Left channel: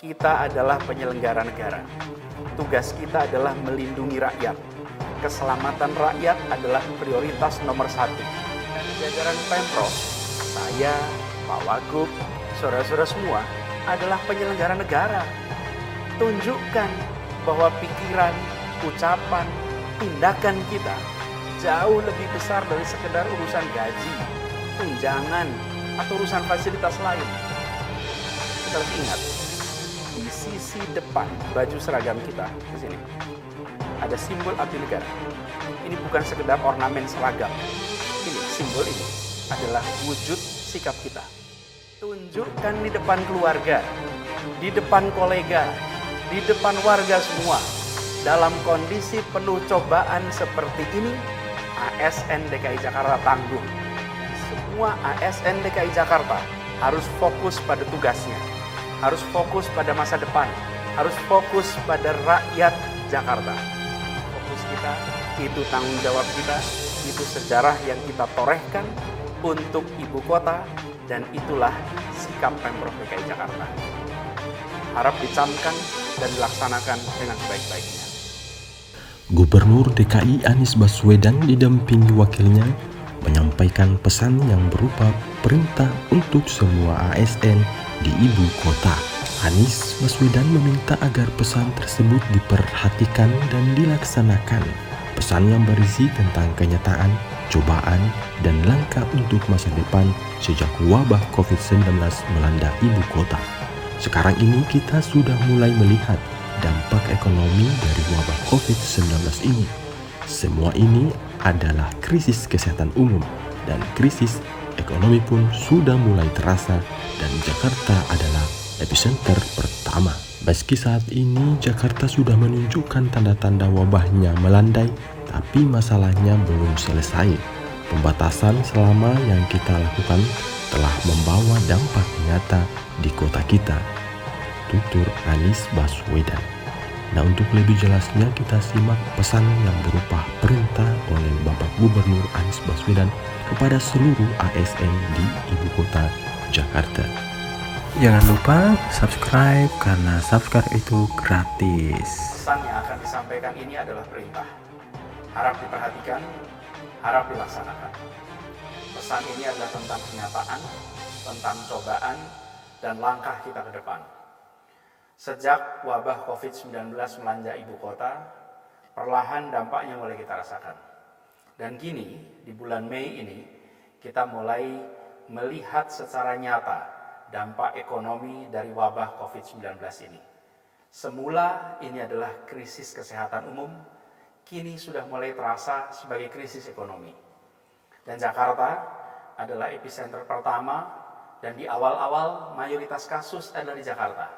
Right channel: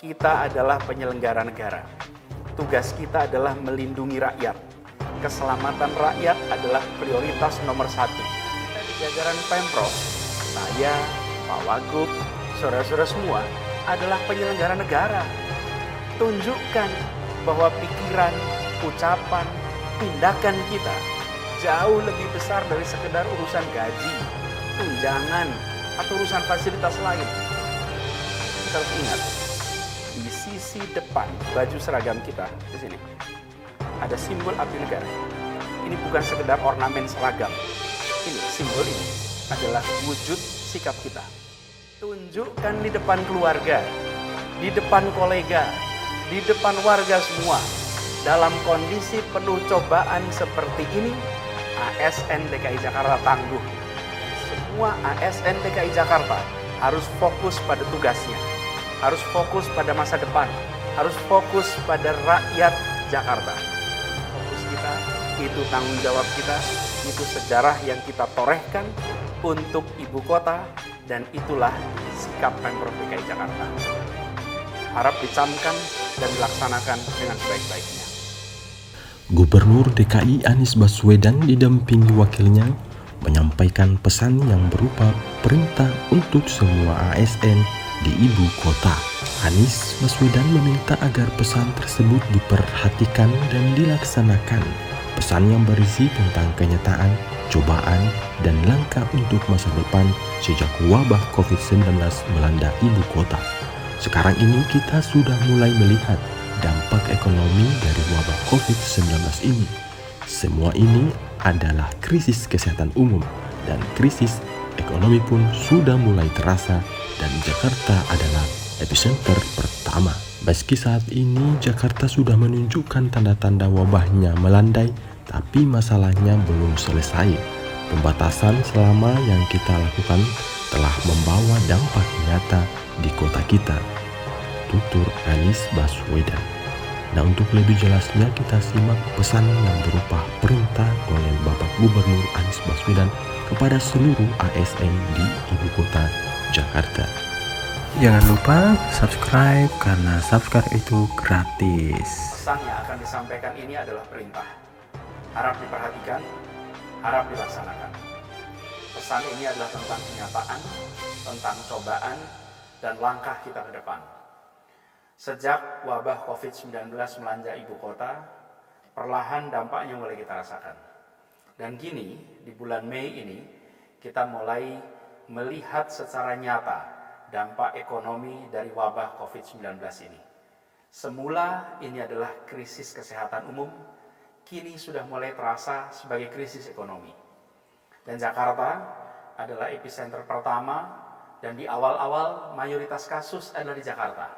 Kita adalah penyelenggara negara. Tugas kita adalah melindungi rakyat. Keselamatan rakyat adalah prioritas nomor satu. Dari jajaran Pemprov, saya, Pak Wagub, saudara-saudara semua adalah penyelenggara negara. Tunjukkan bahwa pikiran, ucapan, tindakan kita jauh lebih besar dari sekedar urusan gaji, tunjangan, atau urusan fasilitas lain. Kita harus ingat, di sisi depan baju seragam kita, di sini, ada simbol abdi negara. Ini bukan sekedar ornamen seragam. Ini, simbol ini adalah wujud sikap kita. Tunjukkan di depan keluarga, di depan kolega, di depan warga semua. Dalam kondisi penuh cobaan seperti ini, ASN DKI Jakarta tangguh. Dan semua ASN DKI Jakarta harus fokus pada tugasnya. Harus fokus pada masa depan, harus fokus pada rakyat Jakarta. Fokus kita, itu tanggung jawab kita, itu sejarah yang kita torehkan untuk ibu kota, dan itulah sikap Pemprov DKI Jakarta. Harap dicamkan dan dilaksanakan dengan sebaik-baiknya. Gubernur DKI Anies Baswedan didampingi wakilnya menyampaikan pesan yang berupa perintah untuk semua ASN di ibu kota. Anies Baswedan meminta agar pesan tersebut diperhatikan dan dilaksanakan. Pesan yang berisi tentang kenyataan, cobaan, dan langkah untuk masa depan sejak wabah COVID-19 melanda ibu kota. Sekarang ini kita sudah mulai melihat dampak ekonomi dari wabah COVID-19 ini. Semua ini adalah krisis kesehatan umum dan krisis ekonomi pun sudah mulai terasa, dan Jakarta adalah epicenter pertama. Meski saat ini Jakarta sudah menunjukkan tanda-tanda wabahnya melandai, tapi masalahnya belum selesai. Pembatasan selama yang kita lakukan telah membawa dampak nyata di kota kita, tutur Anies Baswedan. Nah, untuk lebih jelasnya kita simak pesan yang berupa perintah oleh Bapak Gubernur Anies Baswedan kepada seluruh ASN di ibu kota Jakarta. Jangan lupa subscribe karena subscribe itu gratis. Pesan yang akan disampaikan ini adalah perintah. Harap diperhatikan, harap dilaksanakan. Pesan ini adalah tentang kenyataan, tentang cobaan, dan langkah kita ke depan. Sejak wabah COVID-19 melanda ibu kota, perlahan dampaknya mulai kita rasakan. Dan kini, di bulan Mei ini, kita mulai melihat secara nyata dampak ekonomi dari wabah COVID-19 ini. Semula ini adalah krisis kesehatan umum, kini sudah mulai terasa sebagai krisis ekonomi. Dan Jakarta adalah epicenter pertama, dan di awal-awal mayoritas kasus adalah di Jakarta.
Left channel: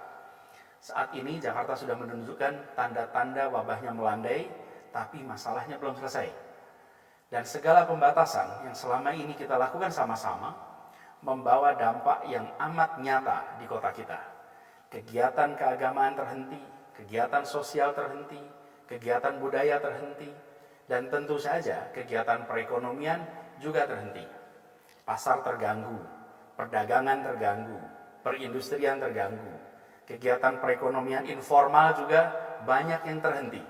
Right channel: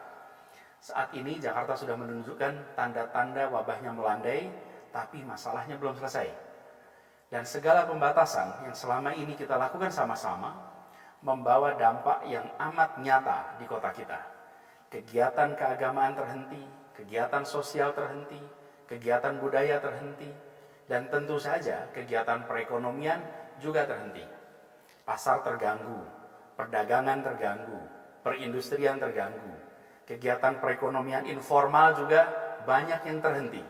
Saat ini Jakarta sudah menunjukkan tanda-tanda wabahnya melandai, tapi masalahnya belum selesai. Dan segala pembatasan yang selama ini kita lakukan sama-sama membawa dampak yang amat nyata di kota kita. Kegiatan keagamaan terhenti, kegiatan sosial terhenti, kegiatan budaya terhenti, dan tentu saja kegiatan perekonomian juga terhenti. Pasar terganggu, perdagangan terganggu, perindustrian terganggu. Kegiatan perekonomian informal juga banyak yang terhenti.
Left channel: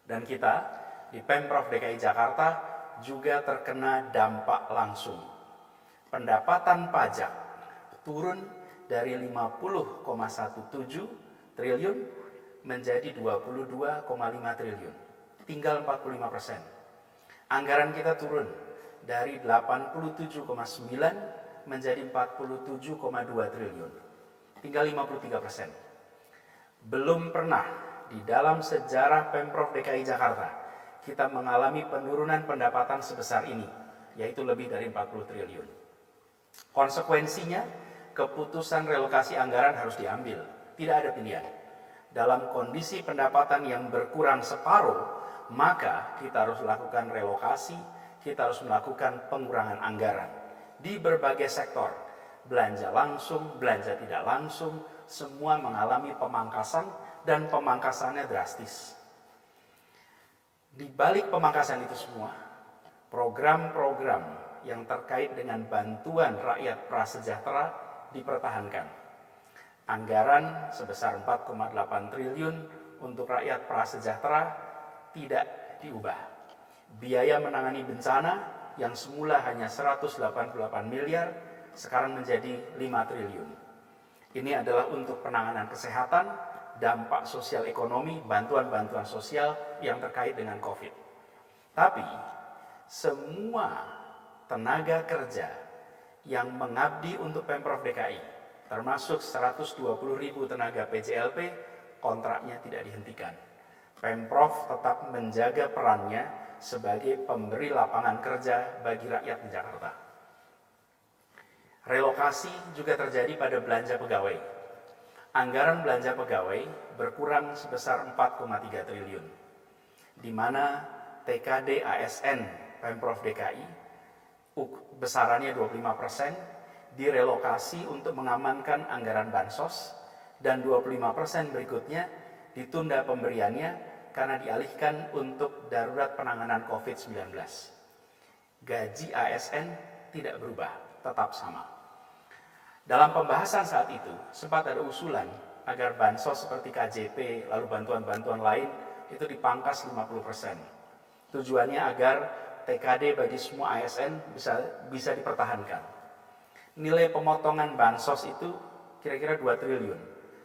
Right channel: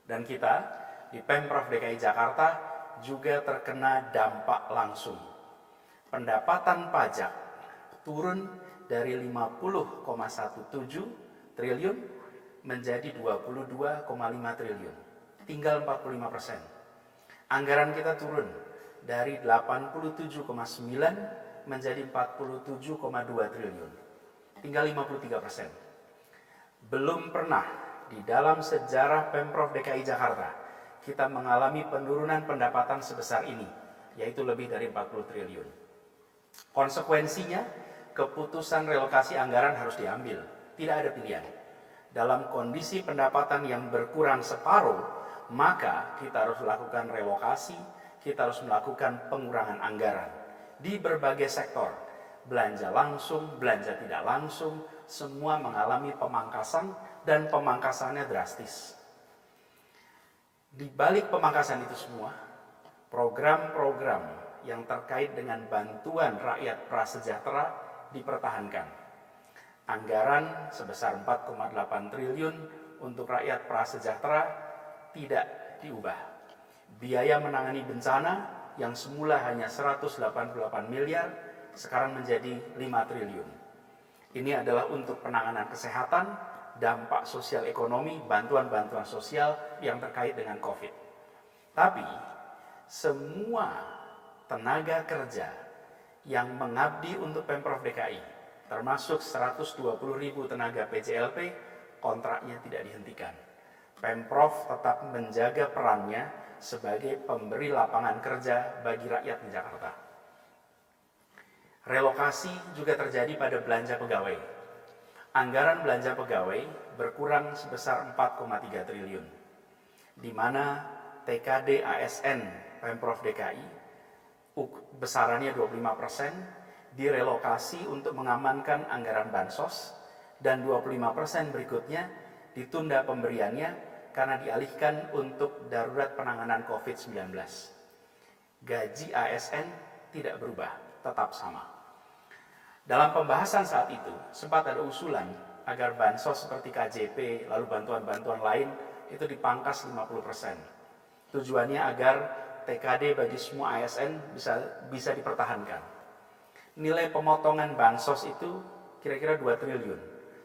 Dan kita di Pemprov DKI Jakarta juga terkena dampak langsung. Pendapatan pajak turun dari 50,17 triliun menjadi 22,5 triliun. Tinggal 45%. Anggaran kita turun dari 87,9 menjadi 47,2 triliun. Tinggal 53%. Belum pernah di dalam sejarah Pemprov DKI Jakarta kita mengalami penurunan pendapatan sebesar ini, yaitu lebih dari 40 triliun. Konsekuensinya, keputusan relokasi anggaran harus diambil. Tidak ada pilihan. Dalam kondisi pendapatan yang berkurang separuh, maka kita harus melakukan relokasi, kita harus melakukan pengurangan anggaran di berbagai sektor. Belanja langsung, belanja tidak langsung, semua mengalami pemangkasan, dan pemangkasannya drastis. Di balik pemangkasan itu semua, program-program yang terkait dengan bantuan rakyat prasejahtera dipertahankan. Anggaran sebesar 4,8 triliun untuk rakyat prasejahtera tidak diubah. Biaya menangani bencana yang semula hanya 188 miliar sekarang menjadi 5 triliun. Ini adalah untuk penanganan kesehatan, dampak sosial ekonomi, bantuan-bantuan sosial yang terkait dengan COVID. Tapi semua tenaga kerja yang mengabdi untuk Pemprov DKI, termasuk 120.000 tenaga PJLP, kontraknya tidak dihentikan. Pemprov tetap menjaga perannya sebagai pemberi lapangan kerja bagi rakyat di Jakarta. Relokasi juga terjadi pada belanja pegawai. Anggaran belanja pegawai berkurang sebesar 4,3 triliun, di mana TKD ASN Pemprov DKI besarannya 25% direlokasi untuk mengamankan anggaran bansos, dan 25% berikutnya ditunda pemberiannya karena dialihkan untuk darurat penanganan COVID-19. Gaji ASN tidak berubah, tetap sama. Dalam pembahasan saat itu, sempat ada usulan agar bansos seperti KJP, lalu bantuan-bantuan lain itu dipangkas 50%. Tujuannya agar TKD bagi semua ASN bisa dipertahankan. Nilai pemotongan bansos itu kira-kira 2 triliun,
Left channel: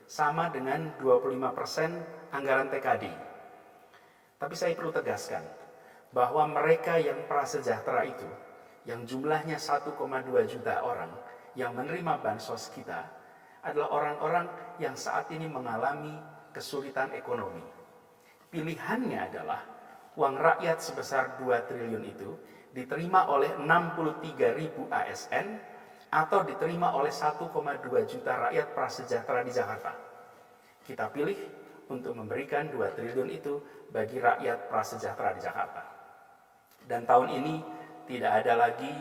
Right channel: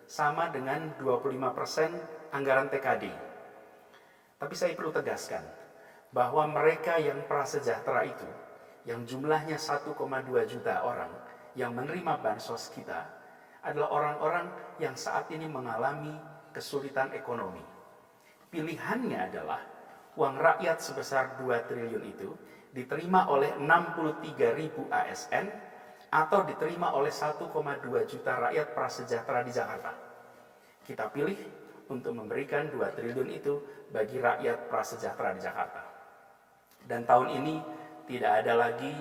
sama dengan 25% anggaran TKD. Tapi saya perlu tegaskan bahwa mereka yang prasejahtera itu, yang jumlahnya 1,2 juta orang, yang menerima bansos kita adalah orang-orang yang saat ini mengalami kesulitan ekonomi. Pilihannya adalah uang rakyat sebesar 2 triliun itu diterima oleh 63.000 ASN atau diterima oleh 1,2 juta rakyat prasejahtera di Jakarta. Kita pilih untuk memberikan 2 triliun itu bagi rakyat prasejahtera di Jakarta. Dan tahun ini tidak ada lagi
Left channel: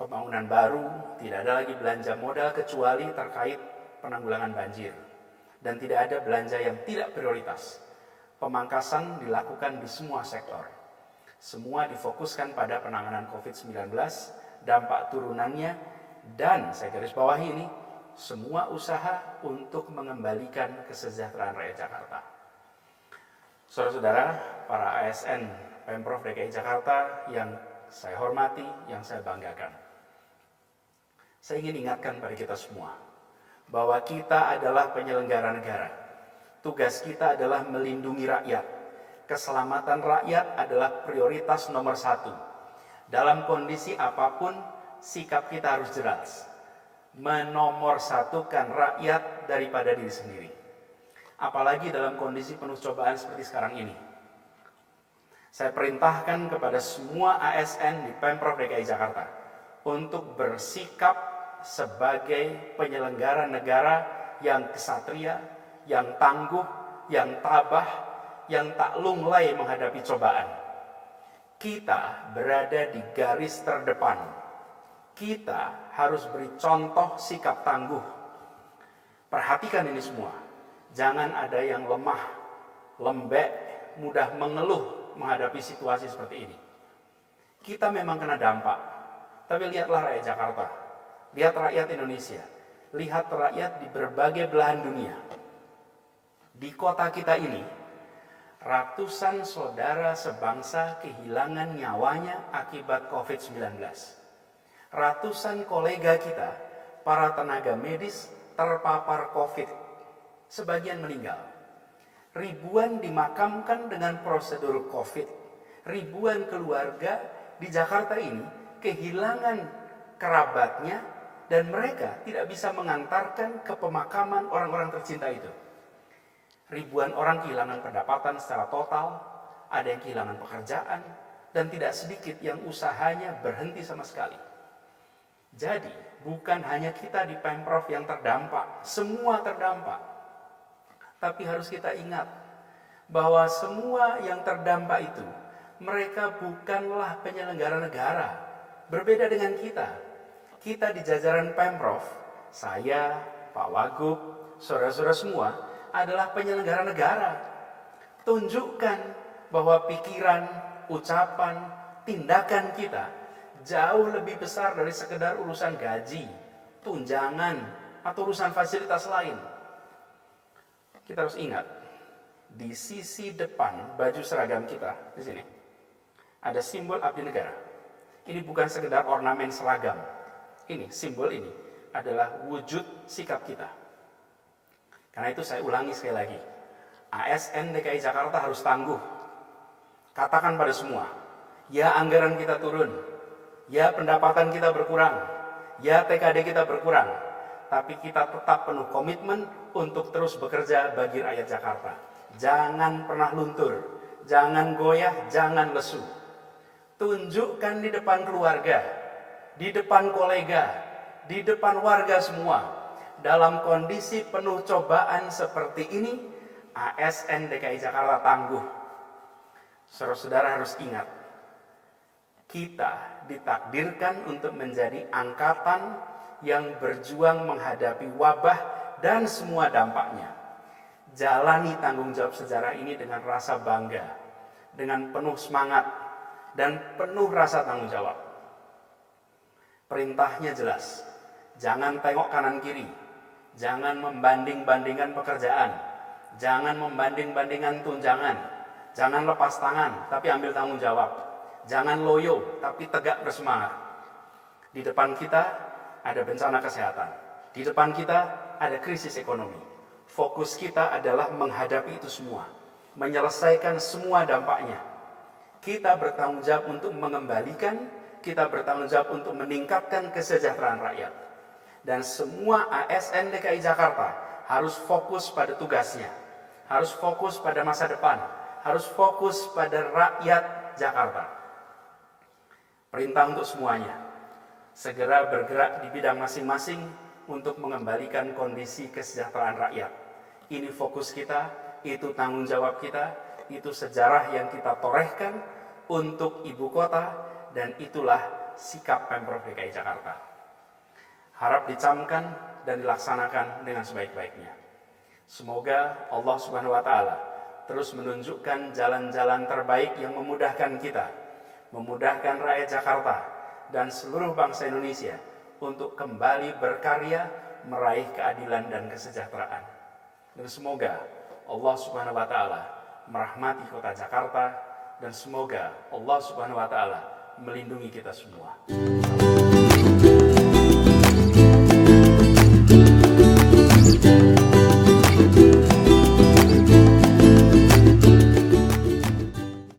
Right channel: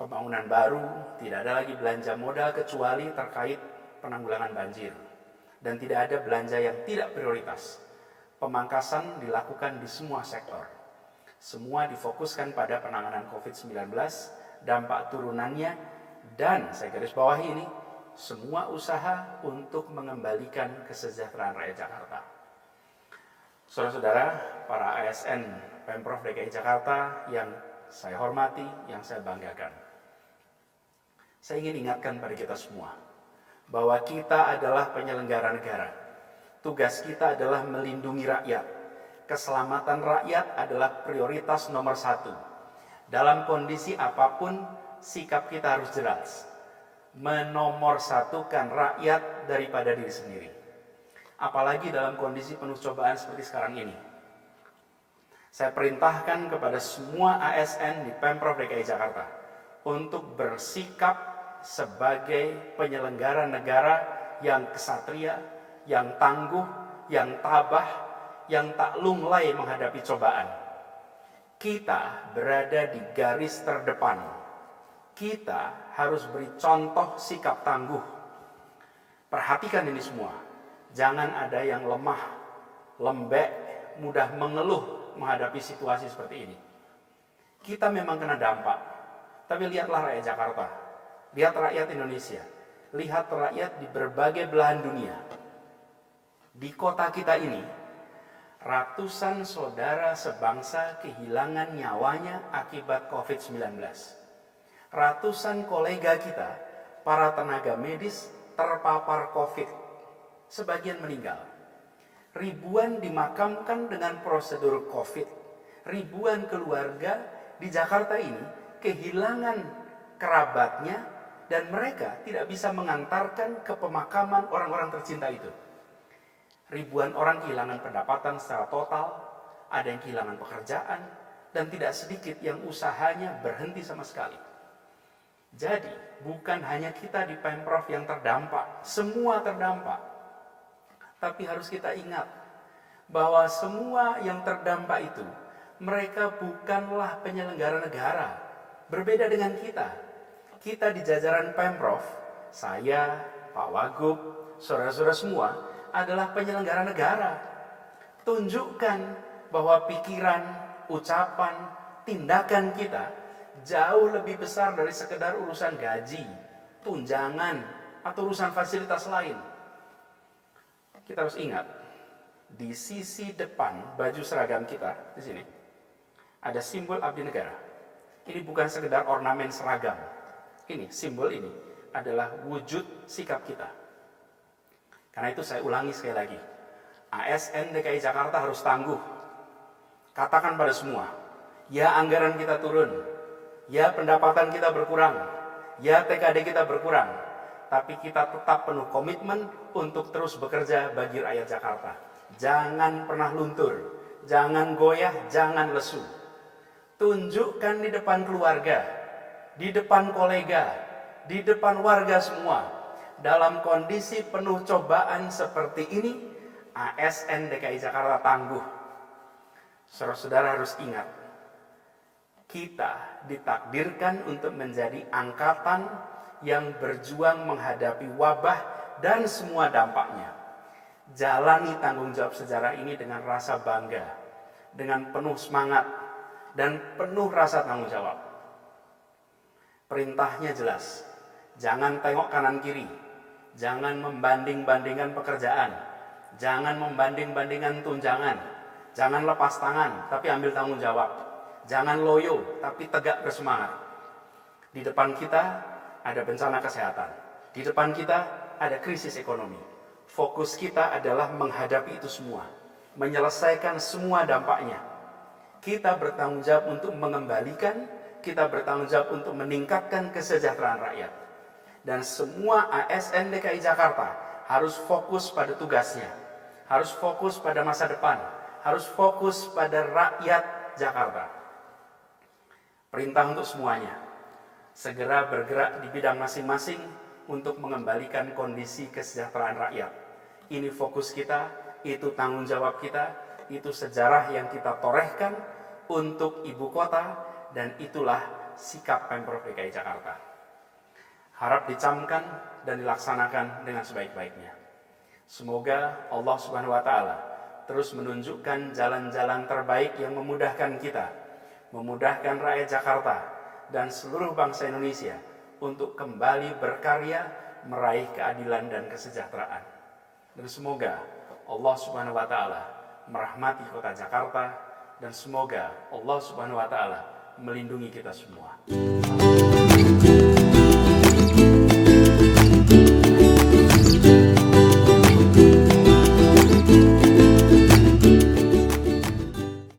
pembangunan baru, tidak ada lagi belanja modal kecuali terkait penanggulangan banjir. Dan tidak ada belanja yang tidak prioritas. Pemangkasan dilakukan di semua sektor. Semua difokuskan pada penanganan COVID-19, dampak turunannya, dan saya garis bawahi ini, semua usaha untuk mengembalikan kesejahteraan rakyat Jakarta. Saudara-saudara, para ASN Pemprov DKI Jakarta yang saya hormati, yang saya banggakan. Saya ingin ingatkan pada kita semua bahwa kita adalah penyelenggara negara. Tugas kita adalah melindungi rakyat. Keselamatan rakyat adalah prioritas nomor 1. Dalam kondisi apapun, sikap kita harus jelas. Menomorsatukan rakyat daripada diri sendiri. Apalagi dalam kondisi penuh cobaan seperti sekarang ini. Saya perintahkan kepada semua ASN di Pemprov DKI Jakarta untuk bersikap sebagai penyelenggara negara yang kesatria, yang tangguh, yang tabah, yang tak lunglai menghadapi cobaan. Kita berada di garis terdepan. Kita harus beri contoh sikap tangguh. Perhatikan ini semua. Jangan ada yang lemah, lembek, mudah mengeluh menghadapi situasi seperti ini. Kita memang kena dampak. Tapi lihatlah rakyat Jakarta. Lihat rakyat Indonesia. Lihat rakyat di berbagai belahan dunia. Di kota kita ini, ratusan saudara sebangsa kehilangan nyawanya akibat COVID-19. Ratusan kolega kita, para tenaga medis, terpapar COVID. Sebagian meninggal. Ribuan dimakamkan dengan prosedur COVID. Ribuan keluarga di Jakarta ini kehilangan kerabatnya dan mereka tidak bisa mengantarkan ke pemakaman orang-orang tercinta itu. Ribuan orang kehilangan pendapatan secara total, ada yang kehilangan pekerjaan, dan tidak sedikit yang usahanya berhenti sama sekali. Jadi, bukan hanya kita di Pemprov yang terdampak, semua terdampak. Tapi harus kita ingat bahwa semua yang terdampak itu, mereka bukanlah penyelenggara negara. Berbeda dengan kita. Kita di jajaran Pemprov, saya, Pak Wagub, saudara-saudara semua, adalah penyelenggara negara. Tunjukkan bahwa pikiran, ucapan, tindakan kita jauh lebih besar dari sekedar urusan gaji, tunjangan, atau urusan fasilitas lain. Kita harus ingat, di sisi depan baju seragam kita, di sini, ada simbol abdi negara. Ini bukan sekedar ornamen seragam. Ini, simbol ini adalah wujud sikap kita. Karena itu saya ulangi sekali lagi, ASN DKI Jakarta harus tangguh. Katakan pada semua, ya anggaran kita turun, ya pendapatan kita berkurang, ya TKD kita berkurang, tapi kita tetap penuh komitmen untuk terus bekerja bagi rakyat Jakarta. Jangan pernah luntur, jangan goyah, jangan lesu. Tunjukkan di depan keluarga, di depan kolega, di depan warga semua, dalam kondisi penuh cobaan seperti ini, ASN DKI Jakarta tangguh. Saudara-saudara harus ingat, kita ditakdirkan untuk menjadi angkatan yang berjuang menghadapi wabah dan semua dampaknya. Jalani tanggung jawab sejarah ini dengan rasa bangga, dengan penuh semangat, dan penuh rasa tanggung jawab. Perintahnya jelas, jangan tengok kanan kiri, jangan membanding-bandingkan pekerjaan, jangan membanding-bandingkan tunjangan, jangan lepas tangan tapi ambil tanggung jawab, jangan loyo tapi tegak bersemangat. Di depan kita ada bencana kesehatan, di depan kita ada krisis ekonomi. Fokus kita adalah menghadapi itu semua, menyelesaikan semua dampaknya. Kita bertanggung jawab untuk mengembalikan, kita bertanggung jawab untuk meningkatkan kesejahteraan rakyat. Dan semua ASN DKI Jakarta harus fokus pada tugasnya, harus fokus pada masa depan, harus fokus pada rakyat Jakarta. Perintah untuk semuanya, segera bergerak di bidang masing-masing untuk mengembalikan kondisi kesejahteraan rakyat. Ini fokus kita, itu tanggung jawab kita, itu sejarah yang kita torehkan untuk ibu kota, dan itulah sikap Pemprov DKI Jakarta. Harap dicamkan dan dilaksanakan dengan sebaik-baiknya. Semoga Allah Subhanahu wa Ta'ala terus menunjukkan jalan-jalan terbaik yang memudahkan kita, memudahkan rakyat Jakarta dan seluruh bangsa Indonesia untuk kembali berkarya meraih keadilan dan kesejahteraan. Dan semoga Allah Subhanahu wa Ta'ala merahmati kota Jakarta, dan semoga Allah Subhanahu wa Ta'ala melindungi kita semua.